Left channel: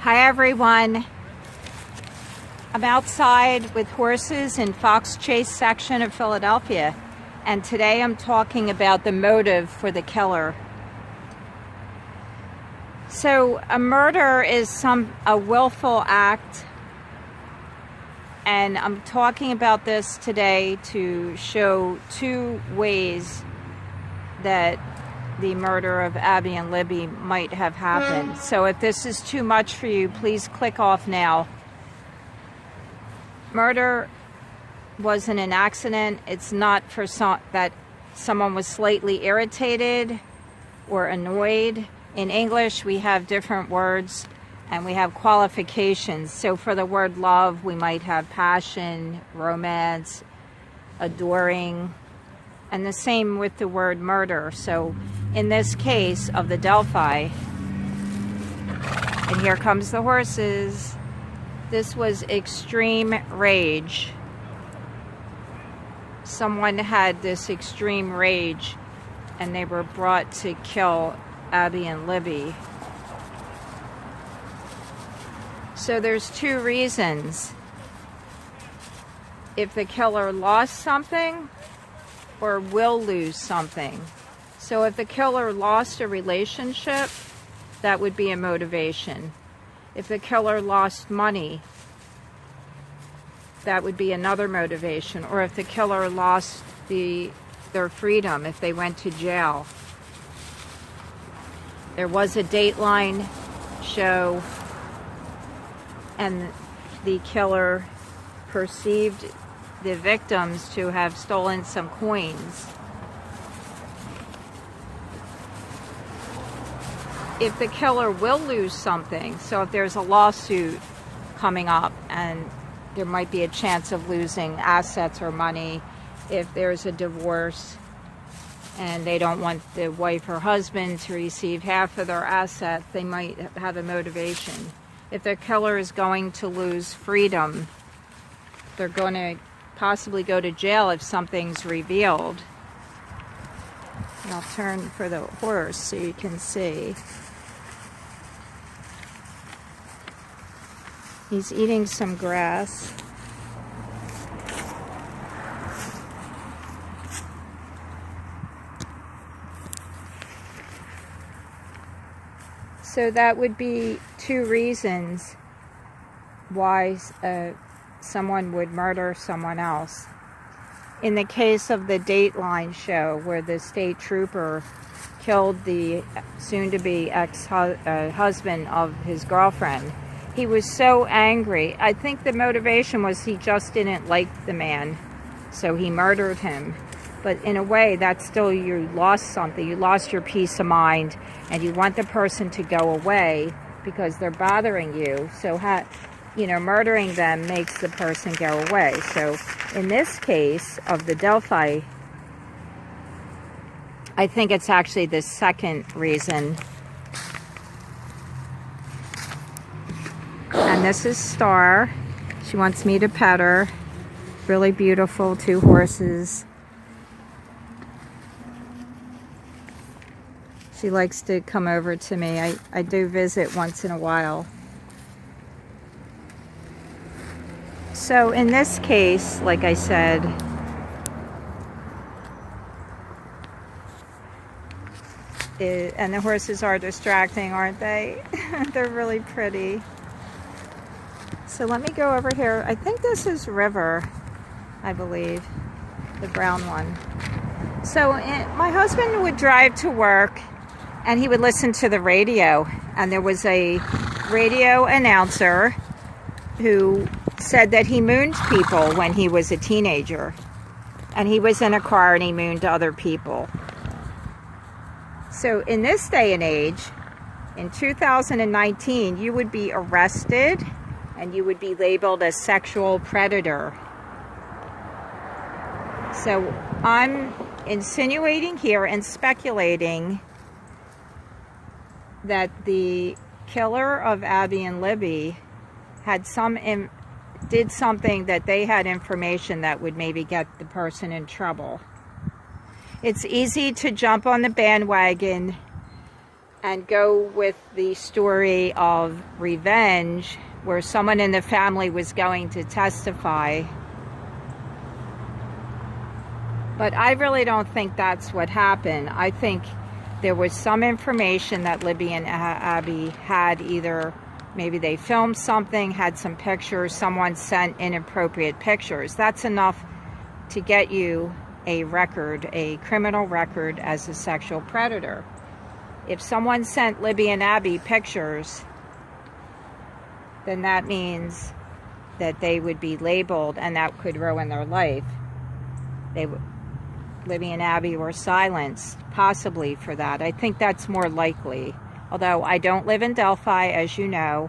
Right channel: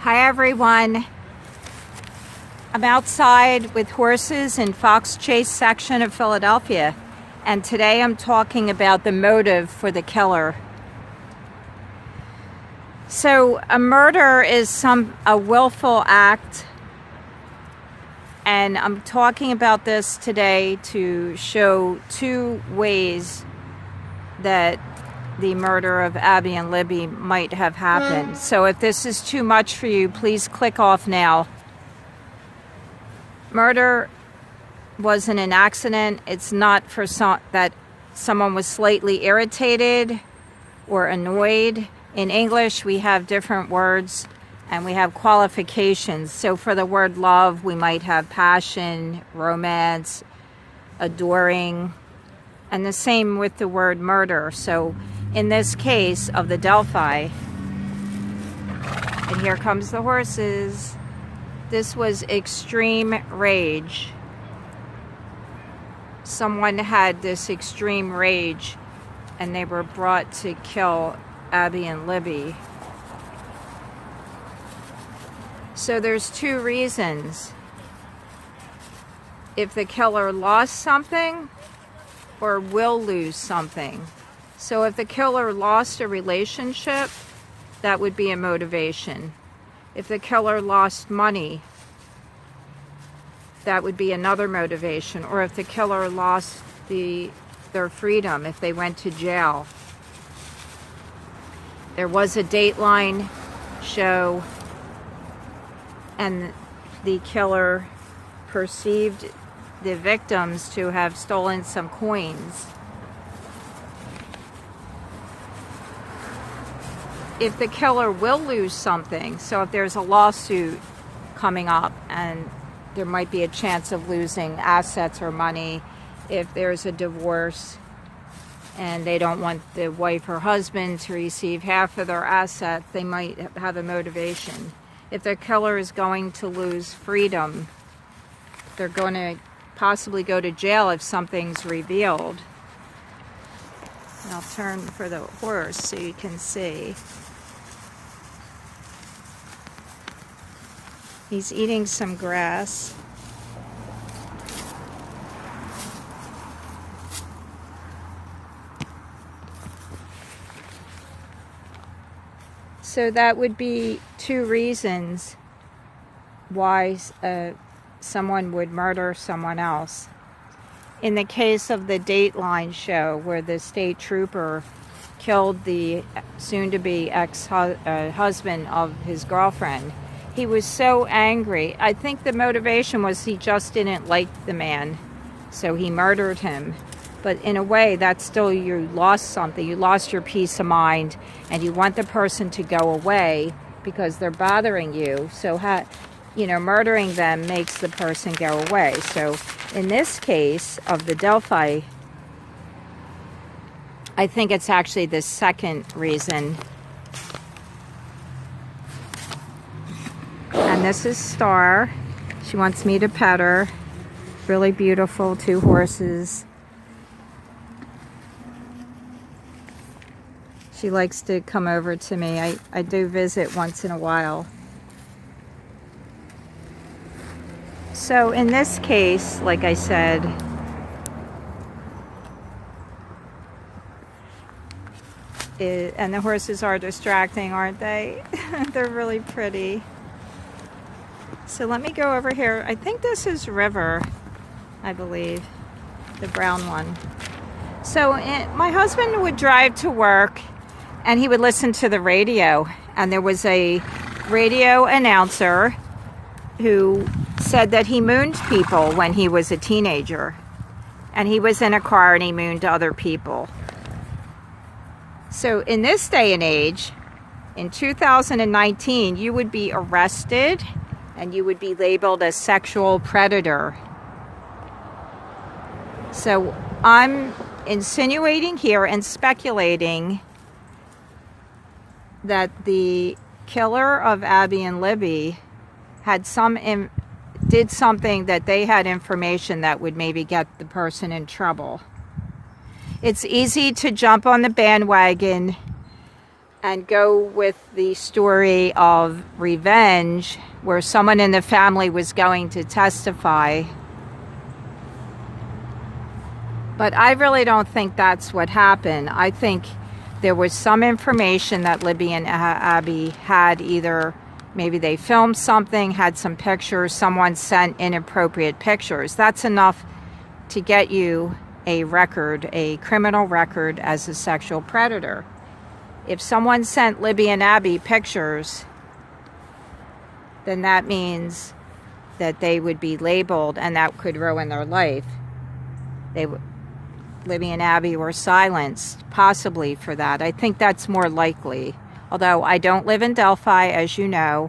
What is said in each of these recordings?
Hi everyone. I'm outside with horses in Fox Chase section of Philadelphia, and today I'm talking about the motive for the killer. So a murder is a willful act, and I'm talking about this today to show two ways that the murder of Abby and Libby might have happened. So if this is too much for you, please click off now. Murder wasn't an accident. It's not for that someone was slightly irritated or annoyed. In English, we have different words and we have qualifications. So for the word love, we might have passion, romance, adoring, and the same with the word murder. So in this case of the Delphi, and here comes the horses, this was extreme rage. Someone had this extreme rage and they were brought to kill Abby and Libby. So there's two reasons. If the killer lost something or will lose something. So if the killer lost a relationship, that would be a motivation. If the killer lost money, that would be another motivation. Or if the killer lost their freedom, if they went to jail. There was a Dateline show, and the killer perceived the victims to have stolen some coins. If the killer will lose something, so if there's a lawsuit coming up and there might be a chance of losing assets or money, if there's a divorce and they don't want the wife or husband to receive half of their assets, they might have a motivation. If the killer is going to lose freedom, they're going to possibly go to jail if something's revealed. And I'll turn for the horse so you can see. He's eating some grass. So that would be two reasons why someone would murder someone else. In the case of the Dateline show, where the state trooper killed the soon-to-be ex-husband of his girlfriend, he was so angry. I think the motivation was he just didn't like the man, so he murdered him. But in a way, that's still, you lost something. You lost your peace of mind, and you want the person to go away because they're bothering you. So, murdering them makes the person go away. So in this case of the Delphi, I think it's actually the second reason. And this is Star. She wants me to pet her. Really beautiful, two horses. She likes to come over to me. I do visit once in a while. So in this case, like I said, and the horses are distracting, aren't they? They're really pretty. So let me go over here. I think this is River, I believe, the brown one. So my husband would drive to work and he would listen to the radio, and there was a radio announcer who said that he mooned people when he was a teenager, and he was in a car and he mooned other people. So in this day and age, in 2019, you would be arrested and you would be labeled a sexual predator. So I'm insinuating here and speculating that the killer of Abby and Libby did something that they had information that would maybe get the person in trouble. It's easy to jump on the bandwagon and go with the story of revenge, where someone in the family was going to testify. But I really don't think that's what happened. I think there was some information that Libby and Abby had. Either maybe they filmed something, had some pictures, someone sent inappropriate pictures. That's enough to get you a record, a criminal record as a sexual predator. If someone sent Libby and Abby pictures, then that means that they would be labeled, and that could ruin their life. Libby and Abby were silenced, possibly for that. I think that's more likely. Although I don't live in Delphi, as you know.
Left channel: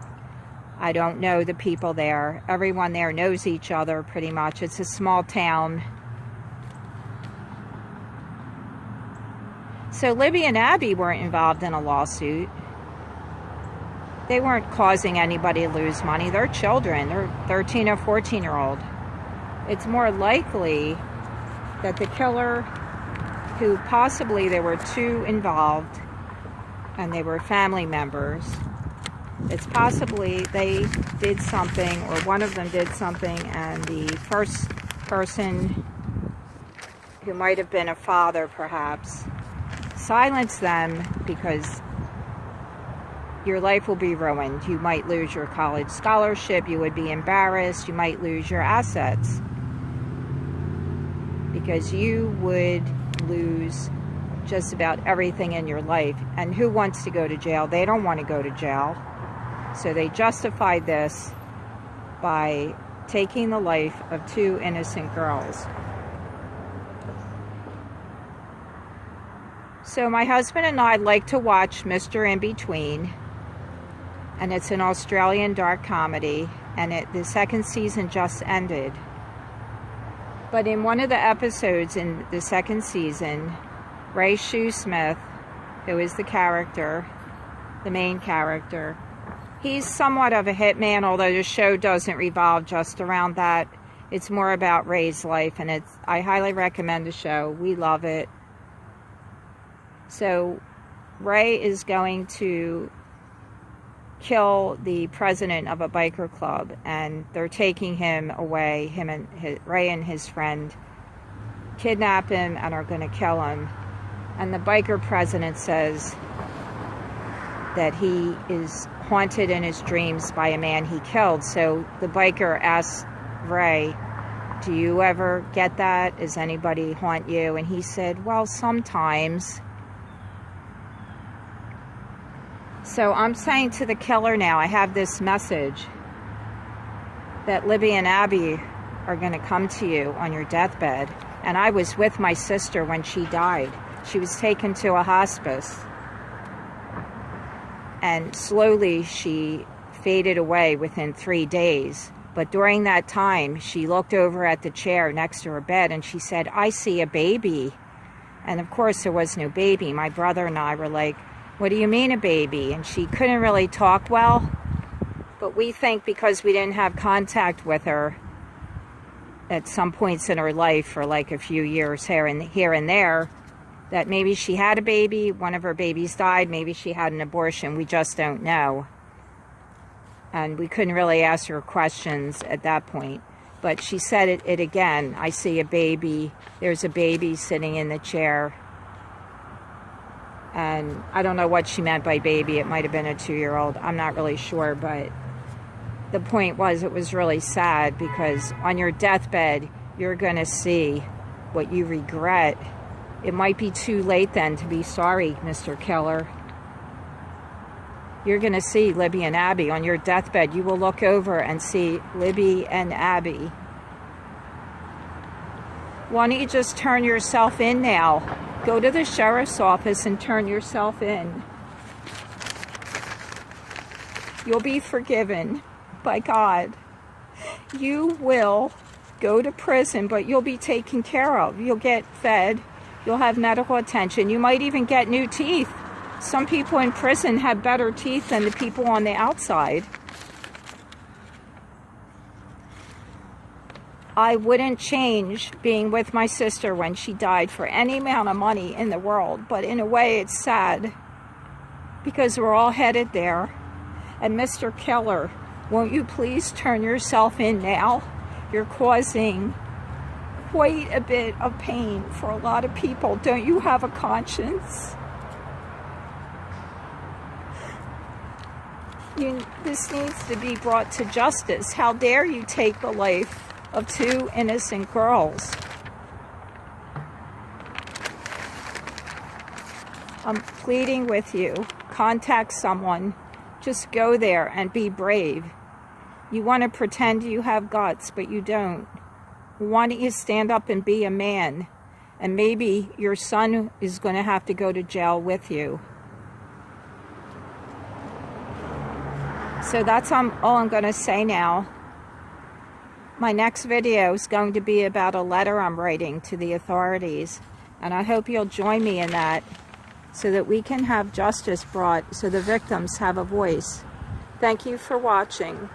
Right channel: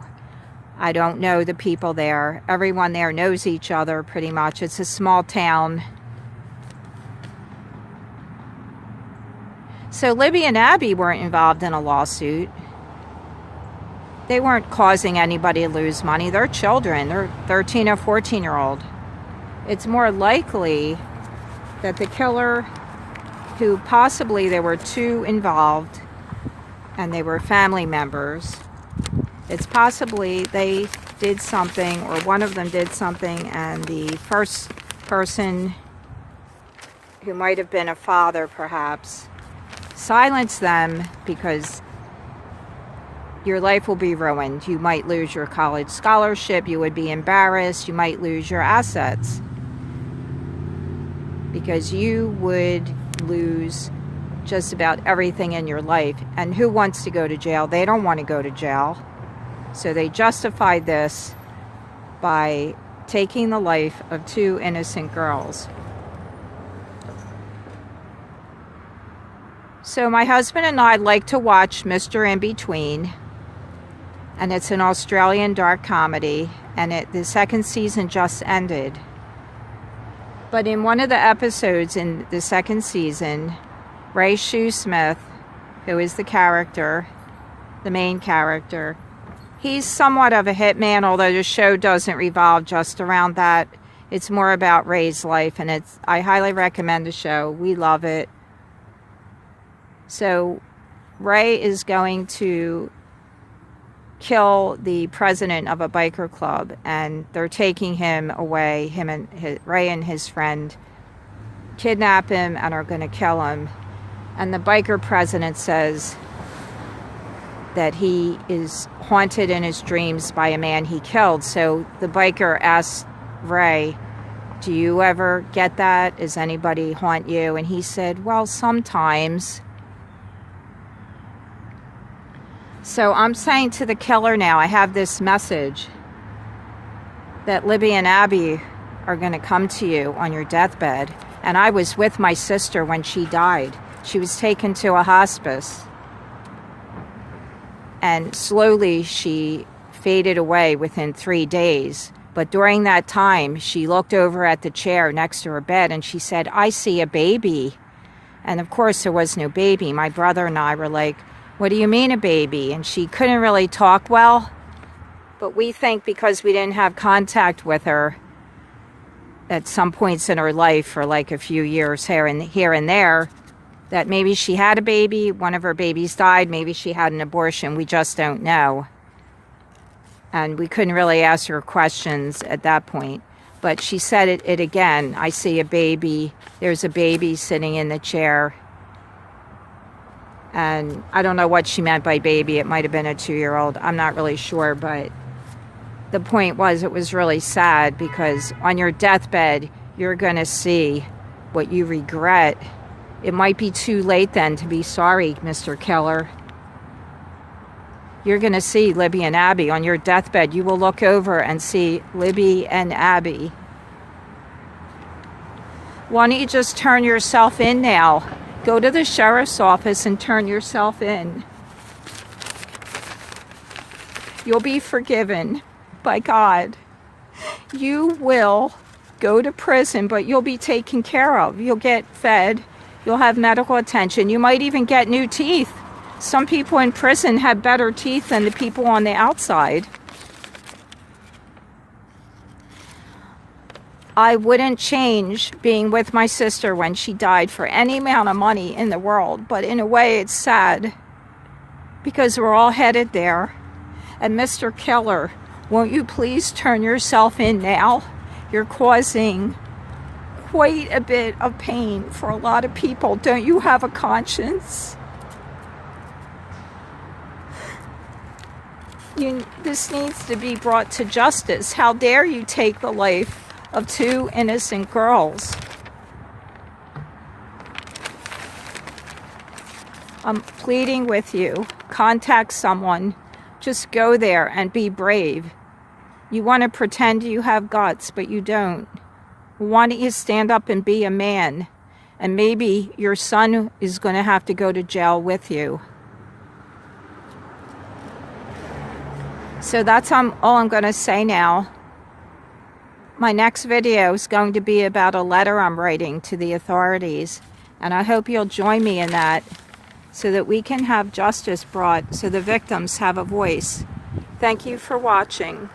I don't know the people there. Everyone there knows each other pretty much. It's a small town. So Libby and Abby weren't involved in a lawsuit. They weren't causing anybody to lose money. They're children. They're 13 or 14-year-old. It's more likely that the killer, who possibly there were two involved and they were family members, it's possibly they did something, or one of them did something, and the first person, who might have been a father perhaps, silence them, because your life will be ruined. You might lose your college scholarship, you would be embarrassed, you might lose your assets, because you would lose just about everything in your life. And who wants to go to jail? They don't want to go to jail. So they justified this by taking the life of two innocent girls. So my husband and I like to watch Mr. InBetween, and it's an Australian dark comedy, and the second season just ended. But in one of the episodes in the second season, Ray Shoesmith, who is the character, the main character, he's somewhat of a hitman, although the show doesn't revolve just around that. It's more about Ray's life, and I highly recommend the show. We love it. So Ray is going to kill the president of a biker club, and they're taking him away. Ray and his friend kidnap him and are going to kill him. And the biker president says that he is haunted in his dreams by a man he killed. So the biker asks Ray, "Do you ever get that? Does anybody haunt you?" And he said, "Well, sometimes." So I'm saying to the killer now, I have this message that Libby and Abby are going to come to you on your deathbed. And I was with my sister when she died. She was taken to a hospice. And slowly she faded away within 3 days. But during that time, she looked over at the chair next to her bed and she said, "I see a baby." And of course there was no baby. My brother and I were like, "What do you mean a baby?" And she couldn't really talk well. But we think because we didn't have contact with her at some points in her life for like a few years here and there, that maybe she had a baby, one of her babies died, maybe she had an abortion. We just don't know. And we couldn't really ask her questions at that point. But she said it again. "I see a baby. There's a baby sitting in the chair." And I don't know what she meant by baby. It might have been a 2-year-old. I'm not really sure. But the point was, it was really sad, because on your deathbed, you're going to see what you regret. It might be too late then to be sorry, Mr. Killer. You're going to see Libby and Abby on your deathbed. You will look over and see Libby and Abby. Why don't you just turn yourself in now? Go to the sheriff's office and turn yourself in. You'll be forgiven by God. You will go to prison, but you'll be taken care of. You'll get fed. You'll have medical attention. You might even get new teeth. Some people in prison have better teeth than the people on the outside. I wouldn't change being with my sister when she died for any amount of money in the world, but in a way it's sad. because we're all headed there. And Mr. Killer, won't you please turn yourself in now? You're causing quite a bit of pain for a lot of people. Don't you have a conscience? This needs to be brought to justice. How dare you take the life of 2 innocent girls? I'm pleading with you. Contact someone. Just go there and be brave. You want to pretend you have guts, but you don't. Why don't you stand up and be a man? And maybe your son is going to have to go to jail with you. So that's all I'm going to say now. My next video is going to be about a letter I'm writing to the authorities. And I hope you'll join me in that so that we can have justice brought so the victims have a voice. Thank you for watching.